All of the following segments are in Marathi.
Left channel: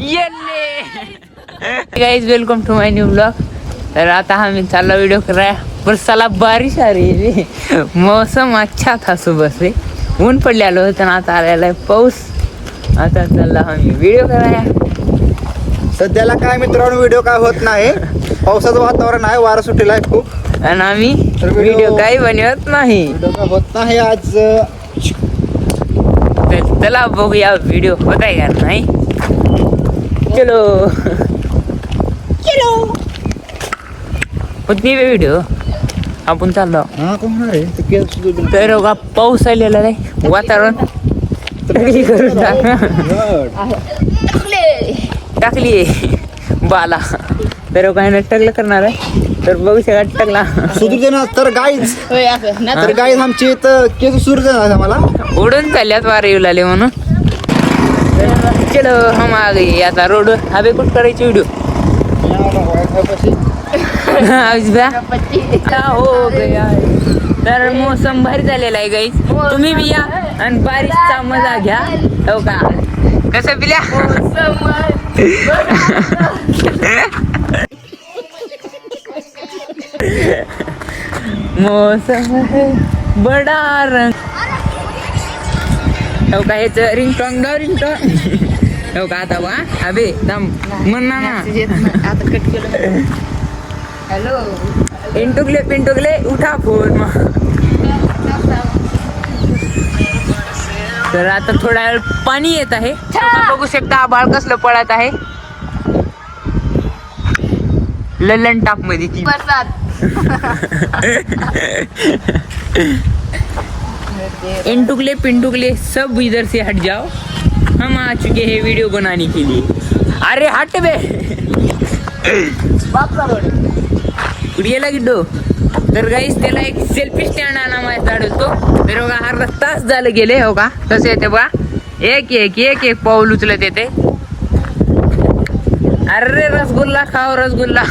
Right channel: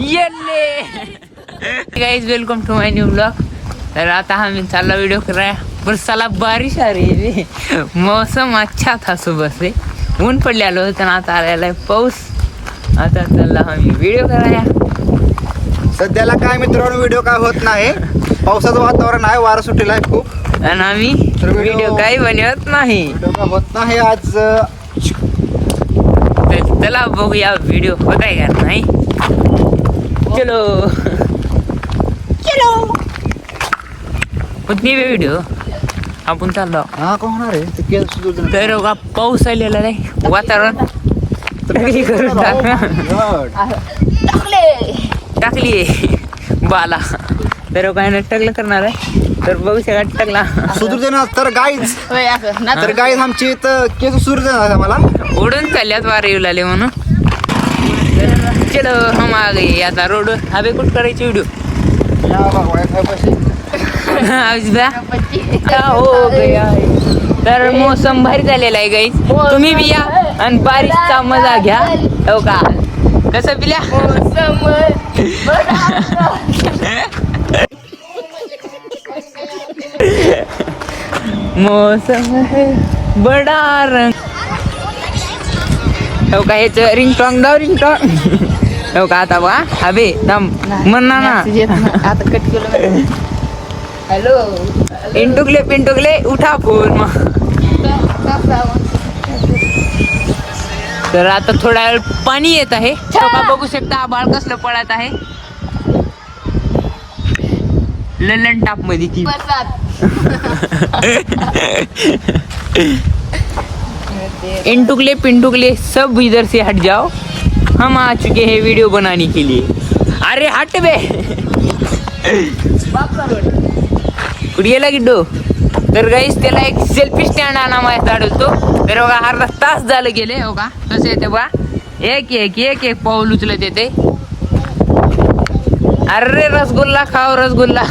येल्ले guys, welcome to my new blog. तर आता हमें चालला व्हिडिओ कराया पर साला बारिश आ रही है. मौसम अच्छा था सुबह से, ऊन पडलेलं होतं ना, आता आलेला आहे पाऊस. आता चालला आम्ही व्हिडिओ कराया. सध्याला काय मित्रांनो व्हिडिओ काय होत नाही, पावसाचं वातावरण आहे, वारं सुटेल आहे खूप, आणि आम्ही तर व्हिडिओ काही बनवत नाही. व्हिडिओ काय होत नाही आज. तर चला बघूया व्हिडिओ होत आहे का नाही. चलो होत नाही व्हिडिओ, आपण चाललो. हा कोण होणार आहे ते केस सुद्धा. तर बघा पाऊस आलेला आहे, वातावरण सगळी करून टाकली बाला. तर काय नाही टकलं करणार आहे, तर बघू शकता टकला सुधरू दे ना. तर गाईज आमची तर केस सुधरू दे ना आम्हाला. उडून चालल्यात वारे येऊ लागले म्हणून. चलो हम आ गए आता रोड. अबे कुठ करायची व्हिडिओ हो गया. तर मोसम भारी झालेला आहे गाईस, तुम्ही बी या आणि बारिशचा मजा घ्या. हो का कसं पिल्या मौसम है बडा रंग. हो का हेच रिंगटॉंग दाव रिंगटॉंग. हो का आता बा अबे दम म्हणा ना. हॅलो पिंटुकले उठा फोन मग. तर आता थोडा वेळ पाणी येत आहे, बघू शकता आभाळ कसलं पडत आहे ललन टाप मध्ये. इंटुकले पिंटुकले सब इधर से हट जाओ, हम आ चुके हैं वीडियो बनाने के लिए. अरे हट बे कुडियेला गिड्डो. तर गाईस त्याला एक सेल्फी स्टँड आणा माझ्या होतो. तर बघा अर्धा तास झालं गेले. हो का कसं येते बघा, एक एक एक एक पाऊल उचलत येते. अरे रसगुल्ला खाओ रसगुल्ला.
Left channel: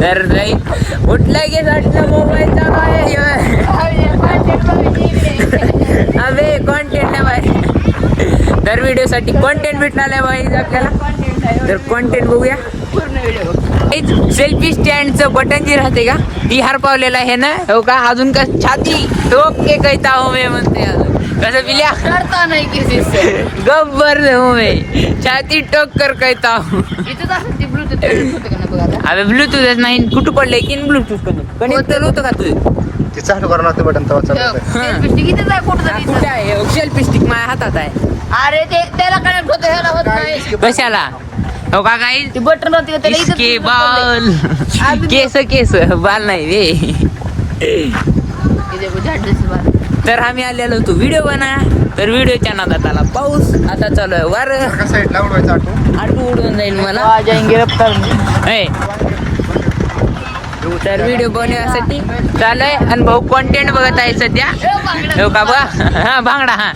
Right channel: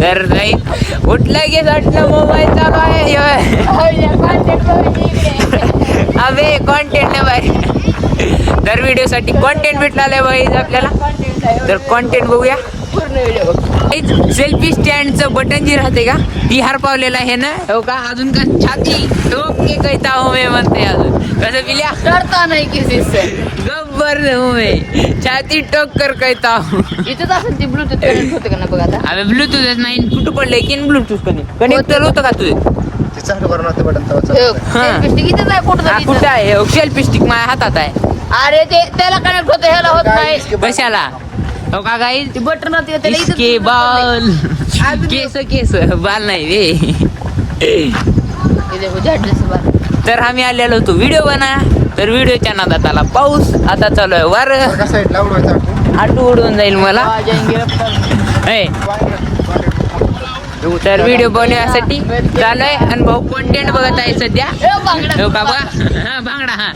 तर गाईस उठला की जाटला मोबाईल चालू आहे. अबे कॉन्टेंट भाई. तर व्हिडिओ साठी कॉन्टेंट भेटला भाई आपल्याला. तर कॉन्टेंट बघूया. सेल्फी स्टँडचं बटन जे राहते का ती हार पावलेलं आहे ना. हो का अजून का छाती ठोक के कहता हूँ मैं म्हणते. अजून कसं पिल्या करता नाही किसी से गब्बर हूँ मैं, छाती ठोक कर कहता हूँ. अबे ब्लूटूथ नाही कुठं पडलंय की ब्लूटूथ कनेक्ट होतं का तुझं. ते चालू करावं लागतं बटन कुठं आहे सेल्फी स्टिक माझ्या हातात आहे. अरे ते त्याला कनेक्ट होतं, ह्याला होत नाही. कशाला हो का गाईस बटन इसके बाल केस बाल नाही रे. तर आम्ही आलेलो होतो व्हिडिओ बना. तर व्हिडिओच्या नादात आला पाऊस. आता चालू आहे वारं, आटू उडून जाईल मला. तर व्हिडिओ बनवण्यासाठी चालू आहे आणि भाऊ कॉन्टेंट बघत आहे सध्या. हो का बघा हा भांगडा हा.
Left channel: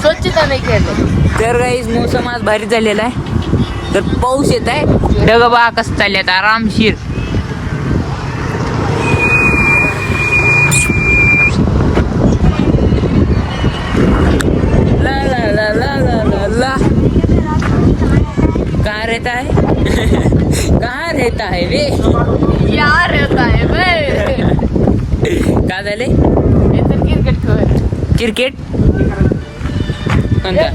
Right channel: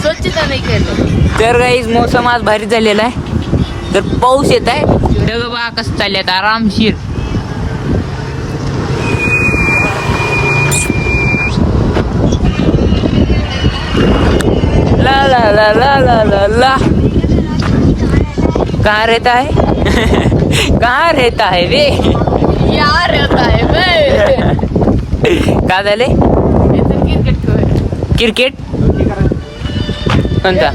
स्वच्छता नाही केलं. तर गाईस मोसम आज भारी झालेला आहे. तर पाऊस येत आहे. ढग बघा कसं चालल्यात आरामशीर. ला ला ला ला ला ला ला. कहाँ रहता है कहाँ रहता है वे यार रहता है का झाले. क्रिकेट कोणता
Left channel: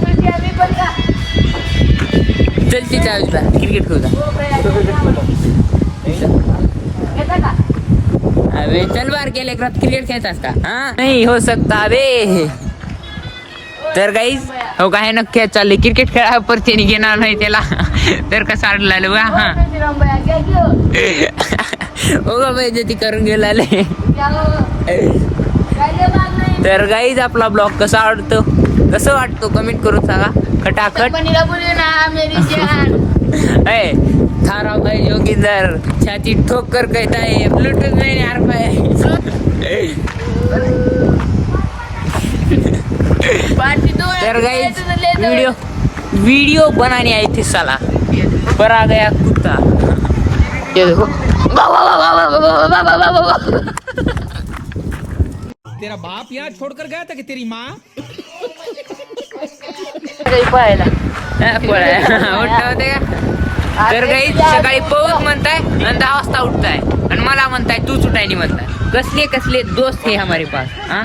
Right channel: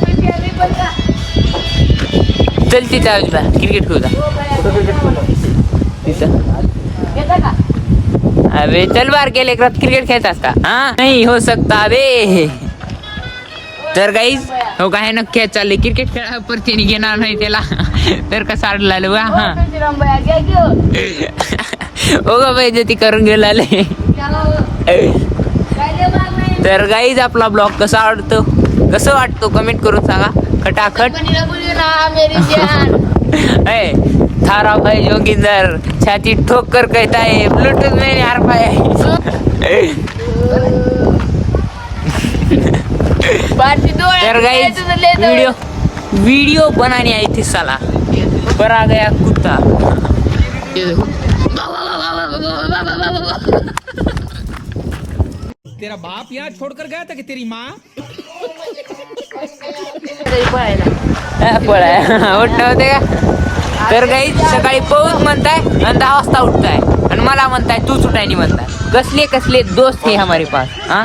चलती चालता क्रिकेट खेळता. अबे चल बार गेले क्रिकेट खेळतात का. हा नाही हो सकता बे. तर गाईज हो काय नक्की चालले क्रिकेट खेळा परतीने घेणार नाही त्याला. तर कसं अडला बा. हा हो गा पाहिजे ती करून गेलाले. तर गाईज आपला ब्लॉग कसा आवडतो कसं वाटतो कमेंट करून सांगा खटाखट. थारा भाई जोगीदार छाती ठोक कर कहता है ब्लूटूथ में यार पाया. तर गाइस वीडियो बनानी आई थी साला. पर आ गया कुत्ता, ये देखो। तेरा बाप यहाँ छोड़कर गया था कि तेरी माँ? उठणं होते का? तर काही सकाळी पळूच म्हणताय आणि 10 वाजता उठताय आणि मला म्हणताय तू सुटायनी म्हणताय. कसले कसले दोस्त है हमारे पास हा.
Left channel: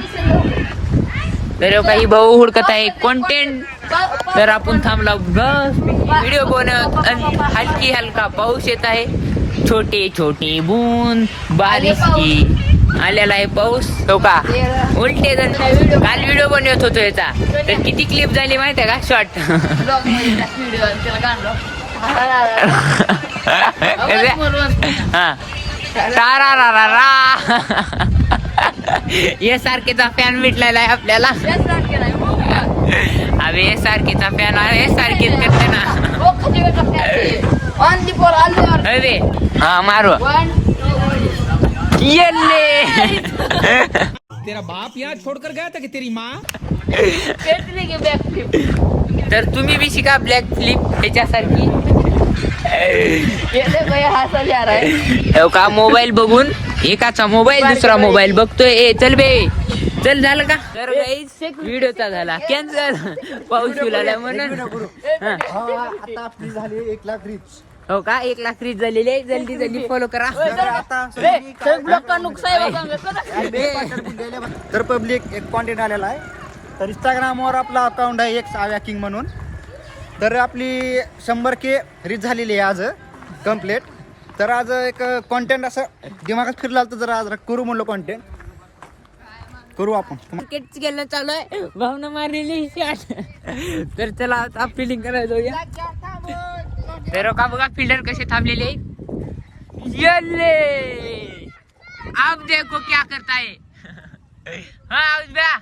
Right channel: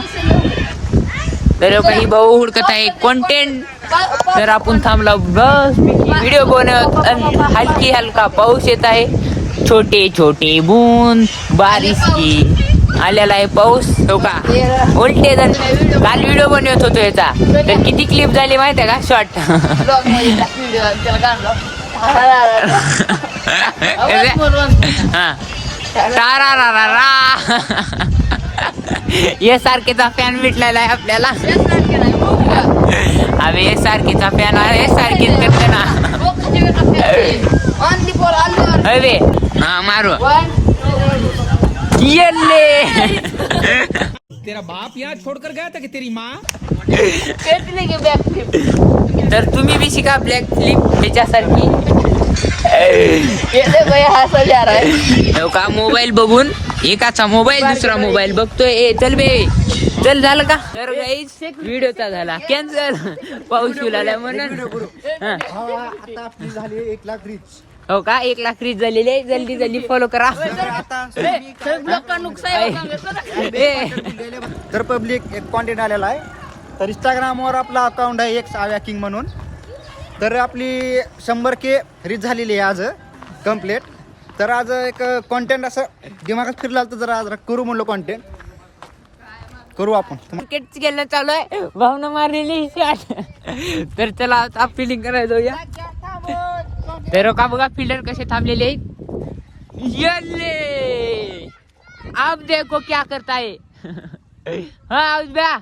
तर काही भाऊ हुडकत आहे कंटेंट. तर आपण थांबला बस व्हिडिओ बनवत आणि हलकी हलका पाऊस येत आहे. छोटे छोटे बूंद बारिश आलेला आहे पाऊस. तो का उलटे जण काल व्हिडिओ बनवत होतो याचा, तर किती क्लिप झाली माहिती आहे का शॉर्ट. हा तारा रा रा रा. हे सारखेचा फॅन भेटलेला आहे आपल्याला. अबे हे सारखेचा फॅन आहे. हे सारखेच करते ना. अरे हा मारू येल्ले. तेरा बाप यहाँ छोड़कर गया था कि तेरी माँ? तर तुम्ही बी शिका ब्लॅक फ्लिप ह्याच्यासारखी. हो का मोबाईल बघून एकाचा मोबाईल दुसरा मोबाईल बघतोय. ए चल बे चल झालं का. तर गाईज व्हिडिओचा झाला कॅन्सल पाऊस आला म्हणून. हो का 1 लाख रीच झालेली आहे. जल्दी जल्दी फॉलो करा. तर पब्लिक एक कॉन्टेंट आलेला आहे. तर इंस्टाग्रामवर आपला अकाउंट आहे एक साव्या किंग म्हणून. तर आपली 100K रीच झालेली आहे आज कम्प्लीट. तर आज एक कॉन्टेंट असं दिमागात फिरला तर जरा आज करू म्हणलो कॉन्टेंट करू आपण. क्रिकेट खेळणं चालू आहे. भावना मारलेली शॉट. तर चला आता फिल्डिंग करायला जाऊया. तर का बघा फिल्डर कसे थांबलेले आहेत. येल्ले अब देखो क्या करता है. हाँ उजब्या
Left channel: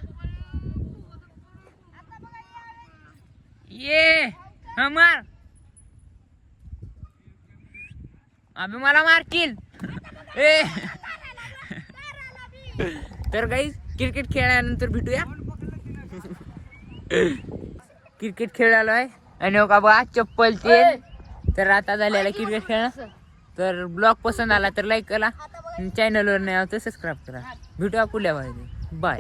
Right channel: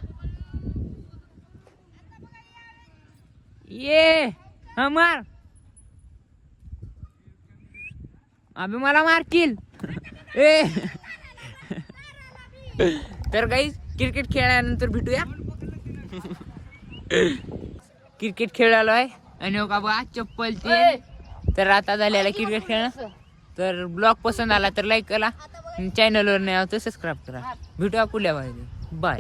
ये हमार अभी मला मारकील. ए तर गाईज क्रिकेट खेळल्यानंतर भेटूया. क्रिकेट खेळालो आहे आणि का बघा चप्पल ते. तर आता झालेला क्रिकेट खेळणं. तर ब्लॉग पसंत आला तर लाईक करा. चॅनलवर नाही आहोत तर सबस्क्राईब करा. भेटूया पुढल्या बाय.